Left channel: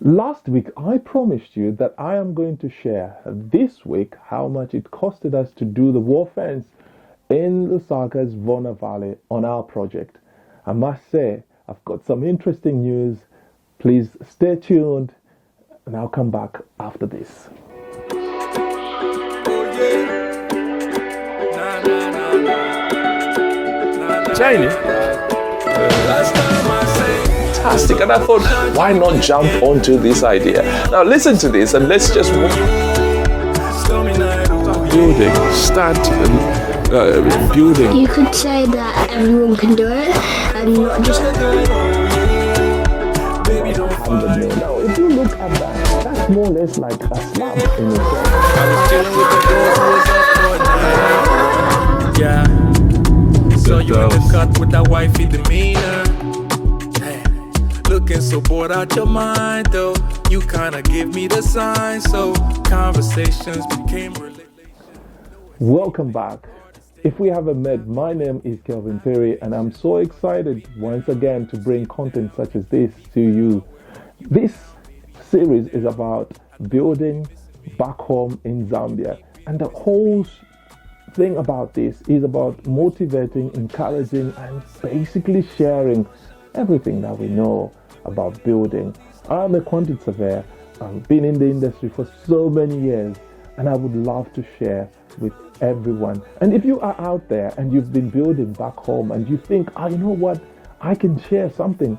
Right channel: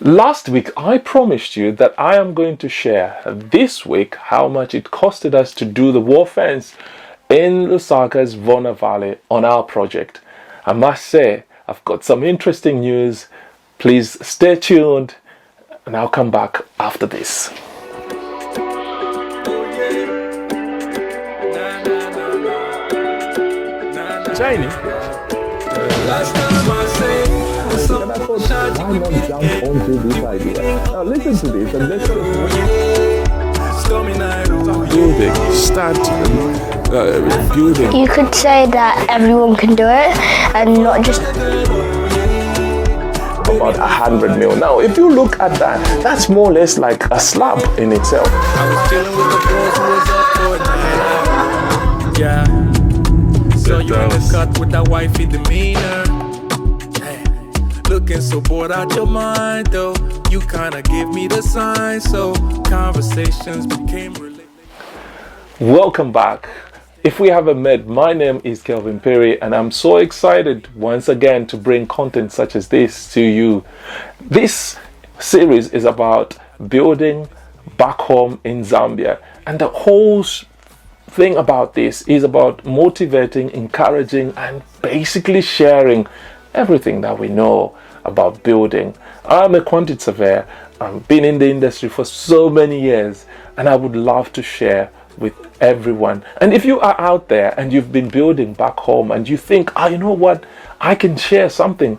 Last week, I promised you that I am going to share this week how much it costed us to do the wall fence in Lusaka's Vorne Valley on our project. I must say, I've got some interesting news. Please stay tuned and I'll come back after this. Jamie? Fantastic, and I thought, why not jump onto this idea? Now listen to this and let's just start building. You could say that everyone can do it and not just about 100 mil. Now if you look at that, that's more or less like a slab in itself. I was chilling with the bros who was up for a night out. Yeah. So you in the cut with that wifey demeanor. Hey, looking so bored out your mind though. You kinda give me the sign, so conversations became related. Welcome back. If we haven't met, my name is Kelvin Perry and I'm so excited once again to bring content such as this to you. This series is about building back home in Zambia, and the whole thing about this is about motivating, encouraging, and basically sharing everything that we know about building. I'm a quantity surveyor. I've been in the industry for so many years, and I would love to share with everyone. And if you are out there and you've been building back home and you think, you know what, I can share something,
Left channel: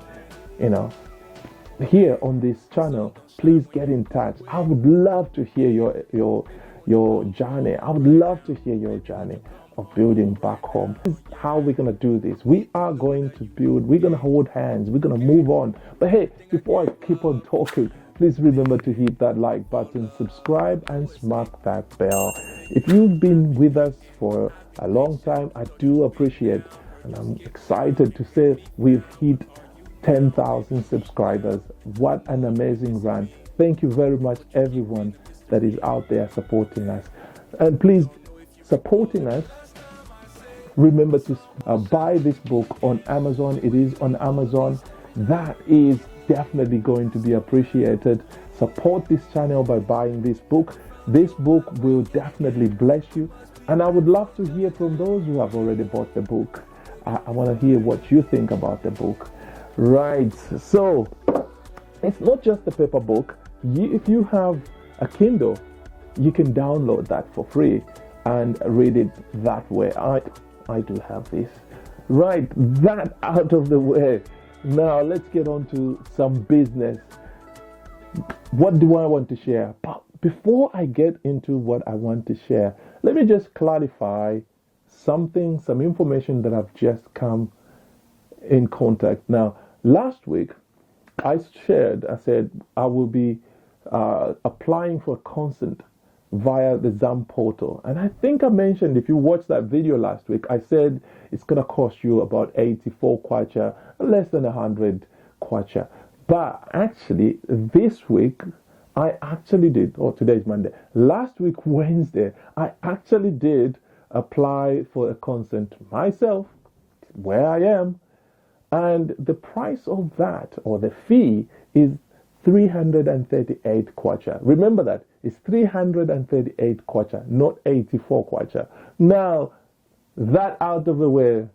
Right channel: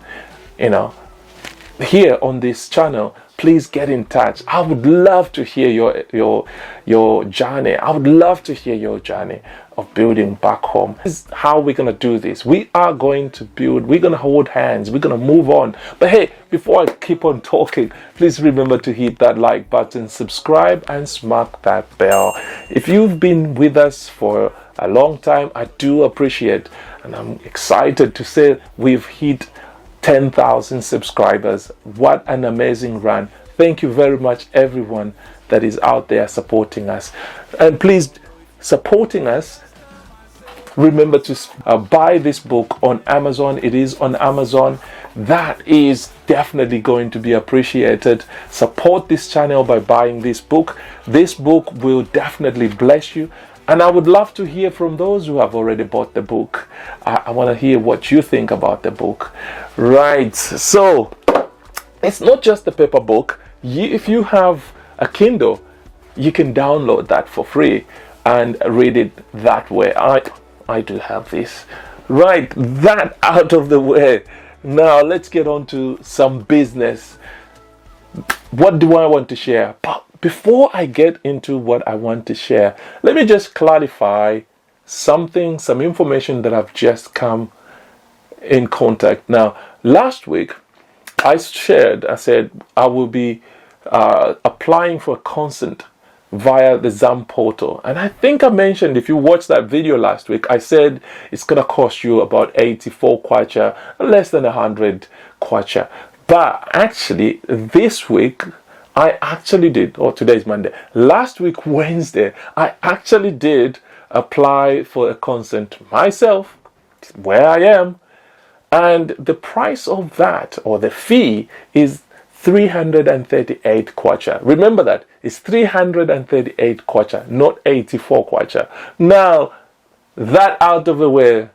here on this channel, please get in touch. I would love to hear your journey. I would love to hear your journey of building back home. This is how we're going to do this. We are going to build, we're going to hold hands, we're going to move on. But hey, before I keep on talking, please remember to hit that like button, subscribe, and smack that bell. If you've been with us for a long time, I do appreciate, and I'm excited to say we've hit 10,000 subscribers. What an amazing run. Thank you very much, everyone that is out there supporting us. And please, supporting us, remember to buy this book on Amazon. It is on Amazon. That is definitely going to be appreciated. Support this channel by buying this book. This book will definitely bless you. And I would love to hear from those who have already bought the book. I want to hear what you think about the book. Right, so it's not just a paper book. If you have a Kindle, you can download that for free and read it that way. I do have this. Right, that out of the way. Now let's get on to some business. What do I want to share? But before I get into what I want to share, let me just clarify some information that I've just come in contact. Now, last week, I said I will be applying for consent via the ZAM portal. And I think I mentioned, if you watched that video last week, I said it's going to cost you about 84 kwacha, less than 100 kwacha. But actually, this week, I actually did, today's Monday. Last week, Wednesday, I actually did apply for a consent myself, where I am. And the price of that, or the fee, is 338 kwacha. Remember that, it's 338 kwacha, not 84 kwacha. Now, that out of the way,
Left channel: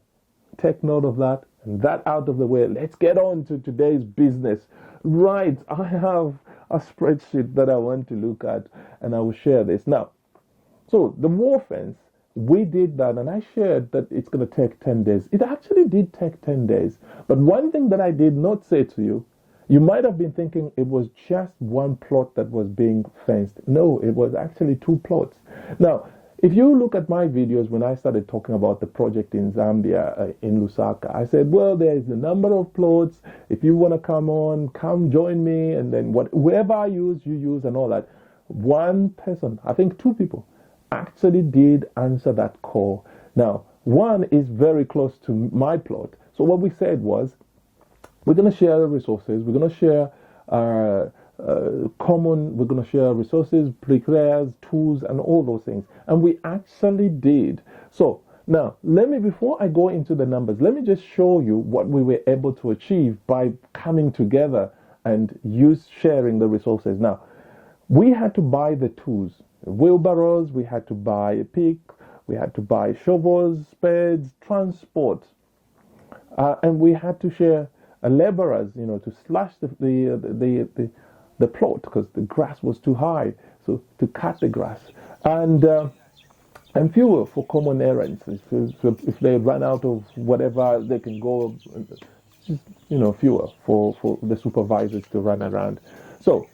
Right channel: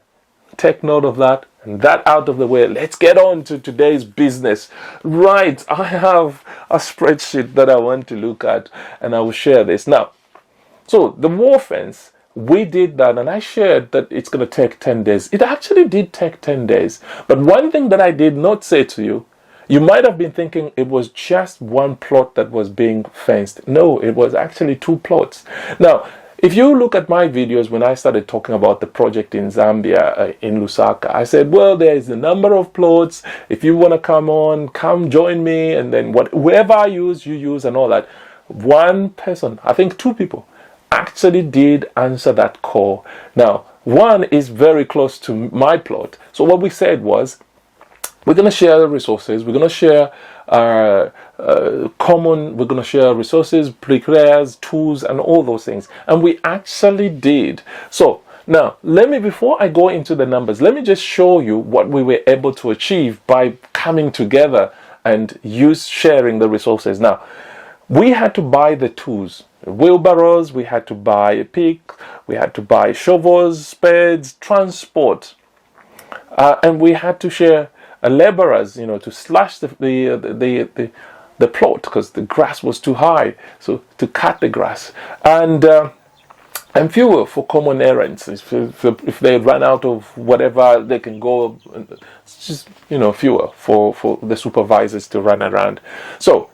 take note of that, and that out of the way, let's get on to today's business. Right, I have a spreadsheet that I want to look at, and I will share this. Now, so the wall fence, we did that, and I shared that it's going to take 10 days. It actually did take 10 days. But one thing that I did not say to you, you might have been thinking it was just one plot that was being fenced. No, it was actually 2 plots. Now, if you look at my videos when I started talking about the project in Zambia, in Lusaka, I said, well, there is a number of plots. If you want to come join me, and then whoever I use, you use, and all that. One person, I think 2 people, actually did answer that call. Now, one is very close to my plot. So what we said was, we're going to share the resources. We're going to share we're going to share resources, bricklayers, tools, and all those things. And we actually did. So now, before I go into the numbers, let me just show you what we were able to achieve by coming together and use sharing the resources. Now, we had to buy the tools, wheelbarrows, we had to buy a pick, we had to buy shovels, spades, transport, and we had to share laborers, to slash the plot because the grass was too high, so to cut the grass, and fuel for common errands. If they run out of whatever, they can go. It's just fuel for the supervisors to run around. So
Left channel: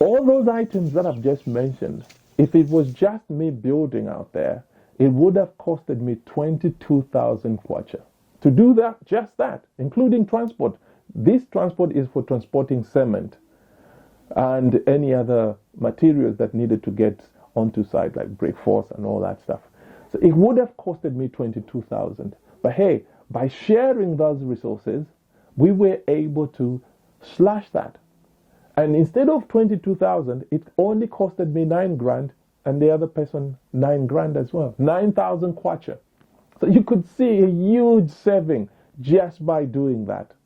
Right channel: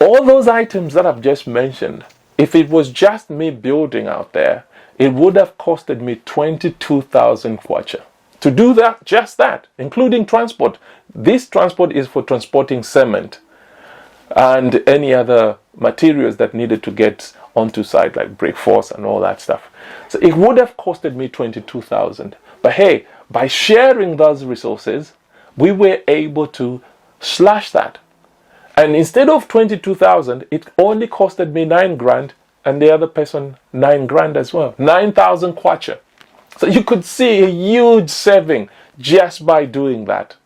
all those items that I've just mentioned, if it was just me building out there, it would have costed me 22,000 kwacha. To do that, just that, including transport. This transport is for transporting cement and any other materials that needed to get onto site, like brick force and all that stuff. So it would have costed me 22,000. But hey, by sharing those resources, we were able to slash that. And instead of 22,000, it only costed me 9 grand, and the other person 9 grand as well. 9,000 kwacha. So you could see a huge saving just by doing that.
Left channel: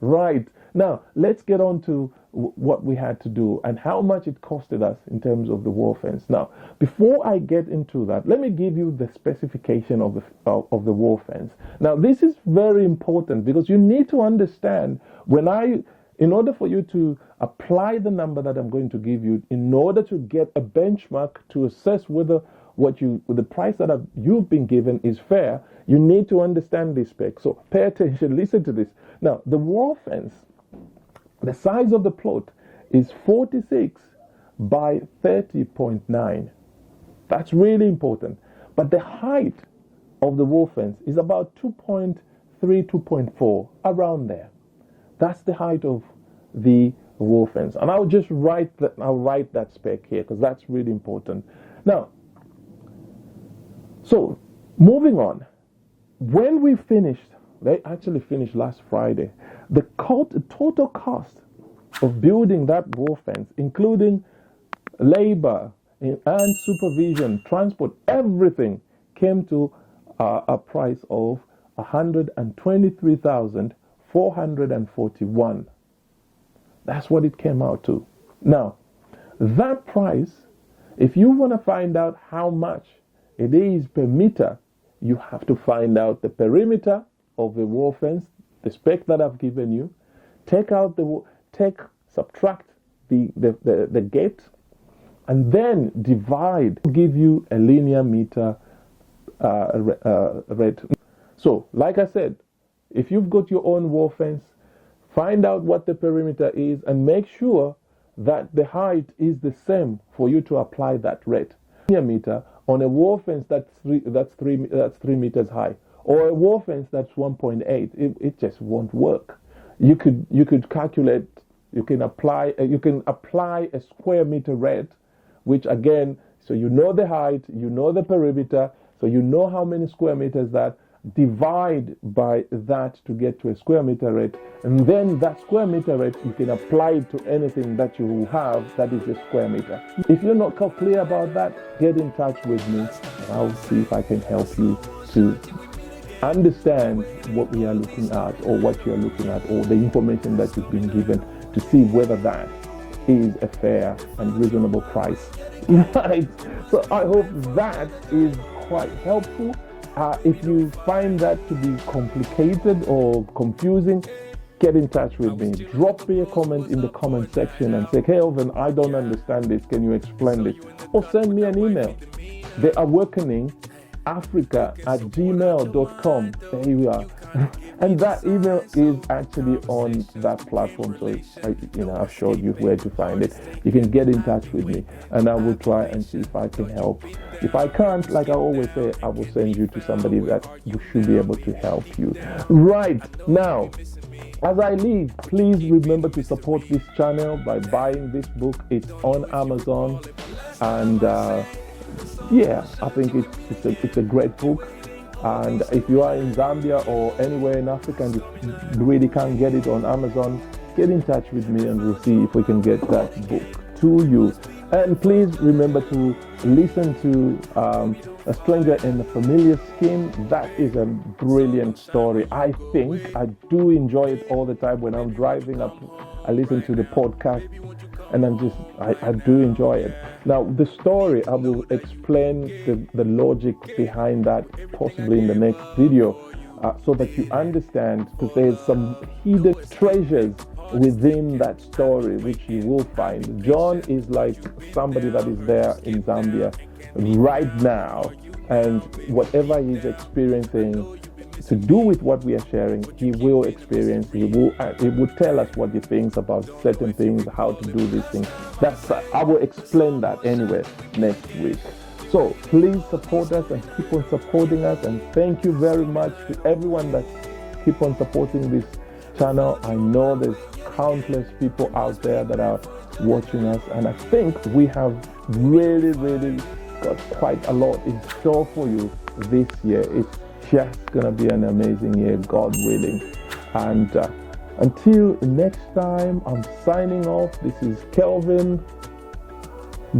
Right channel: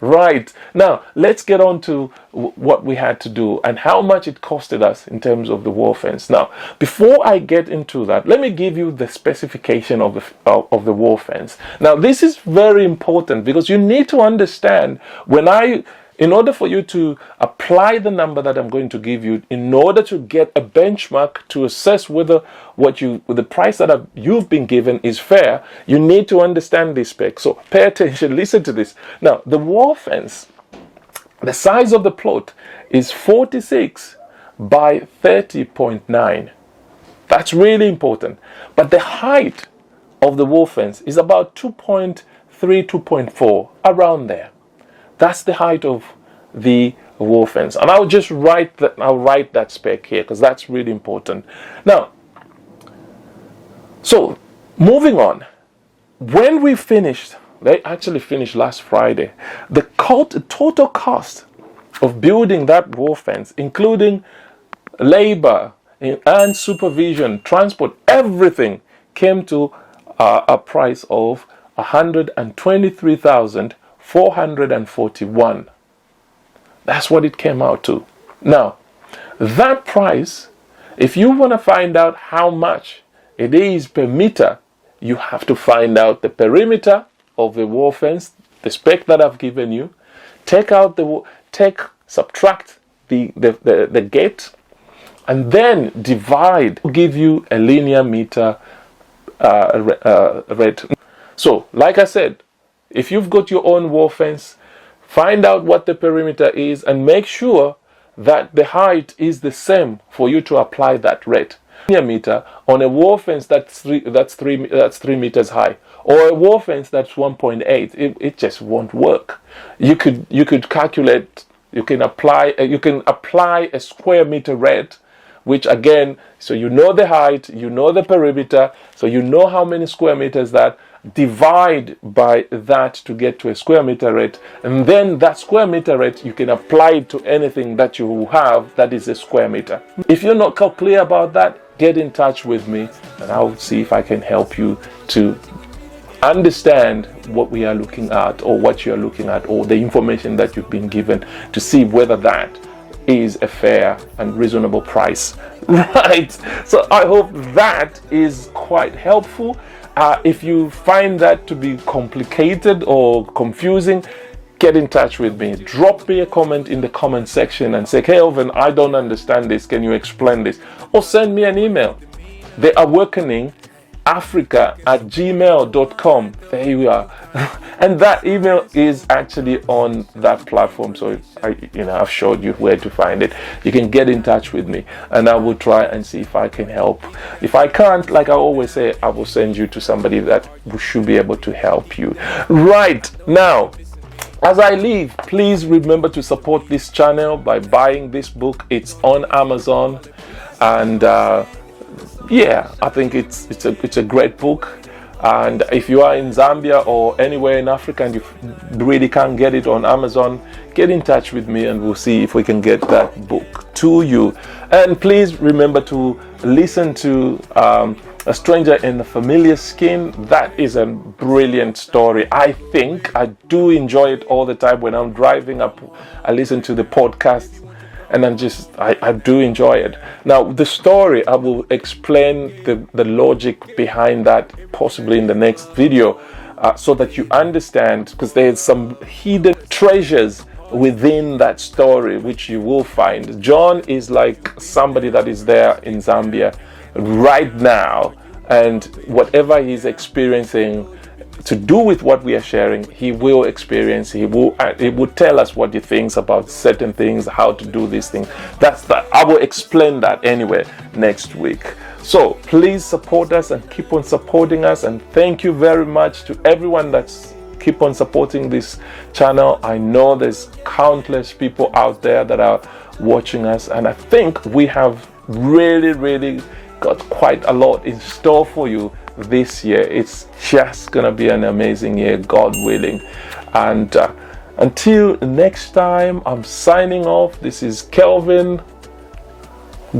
Right. Now, let's get on to what we had to do and how much it costed us in terms of the wall fence. Now, before I get into that, let me give you the specification of the wall fence. Now, this is very important because you need to understand in order for you to apply the number that I'm going to give you, in order to get a benchmark to assess whether the price that you've been given is fair, you need to understand this spec. So pay attention, listen to this. Now, the wall fence, the size of the plot is 46 by 30.9. That's really important. But the height of the wall fence is about 2.3, 2.4, around there. That's the height of the wall fence. And I'll just write that spec here because that's really important. Now, so moving on, when we finished, they actually finished last Friday, the total cost of building that wall fence, including labor and supervision, transport, everything came to a price of 123,441. That's what it came out to. Now, that price, if you want to find out how much it is per meter, you have to find out the perimeter of the wall fence, the spec that I've given you, subtract the gate, and then divide to give you a linear meter rate. So, like I said, if you've got your own wall fence, find out what the perimeter is and make sure that the height is the same for you to apply that rate. Linear meter on a wall fence that's 3 meters high, or a wall fence that's 1.8, it just won't work. You could calculate. You can apply a square meter rate, which again, so you know the height, you know the perimeter, so you know how many square meters that. Divide by that to get to a square meter rate, and then that square meter rate you can apply it to anything that you have that is a square meter. If you're not clear about that, get in touch with me and I'll see if I can help you to understand what we are looking at, or what you are looking at, or the information that you've been given, to see whether that is a fair and reasonable price. Right. So I hope that is quite helpful. If you find that to be complicated or confusing, get in touch with me. Drop me a comment in the comment section and say, hey, Elvin, I don't understand this. Can you explain this? Or send me an email. theawakeningafrica@gmail.com. There you are. And that email is actually on that platform. So I've showed you where to find it. You can get in touch with me and I will try and see if I can help. If I can't, like I always say, I will send you to somebody that should be able to help you. Right now, as I leave, please remember to support this channel by buying this book. It's on Amazon, and I think it's a great book. And if you are in Zambia or anywhere in Africa and you really can't get it on Amazon, get in touch with me and we'll see if we can get that book to you. And please remember to listen to A Stranger in a Familiar Skin. That is a brilliant story. I think I do enjoy it all the time when I'm driving up. I listen to the podcast and I do enjoy it. Now, the story, I will explain the logic behind that possibly in the next video so that you understand, because there's some hidden treasures within that story which you will find. John is like somebody that is there in Zambia right now, and whatever he's experiencing to do with what we are sharing, he will experience. He will tell us what he thinks about certain things, how to do these things. I will explain that anyway next week. So please support us and keep on supporting us, and thank you very much to everyone that's keep on supporting this channel. I know there's countless people out there that are watching us, and I think we have really got quite a lot in store for you this year. It's just gonna be an amazing year, God willing. And until next time, I'm signing off. This is Kelvin.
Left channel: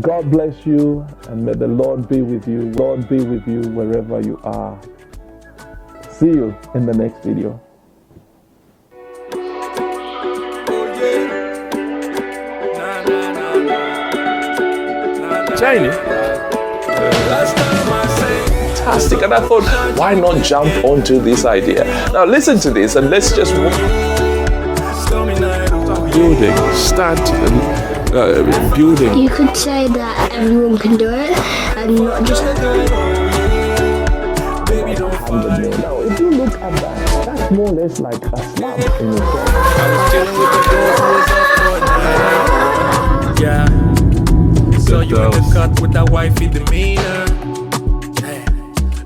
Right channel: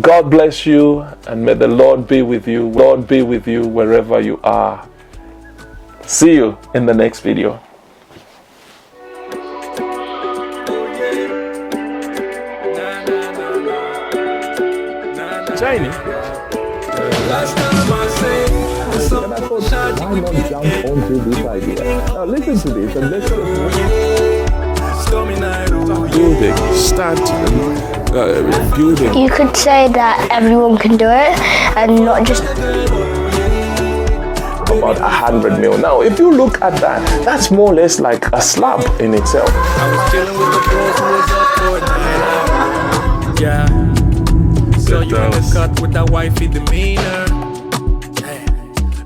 God bless you, and may the Lord be with you. Lord be with you wherever you are. See you in the next video. Jamie. Fantastic, and I thought, why not jump onto this idea? Now listen to this, and let's just start building. You could say that everyone can do it, and not just about 100 mil. Now, if you look at that, that's more or less like a slab in itself. I was chilling with the bros who was up for a night out. Yeah. So you in the cut with that wifey demeanor. Hey,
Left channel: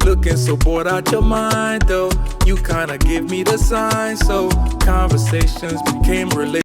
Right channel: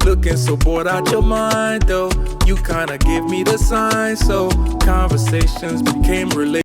looking so bored out your mind though. You kinda give me the sign, so conversations became related.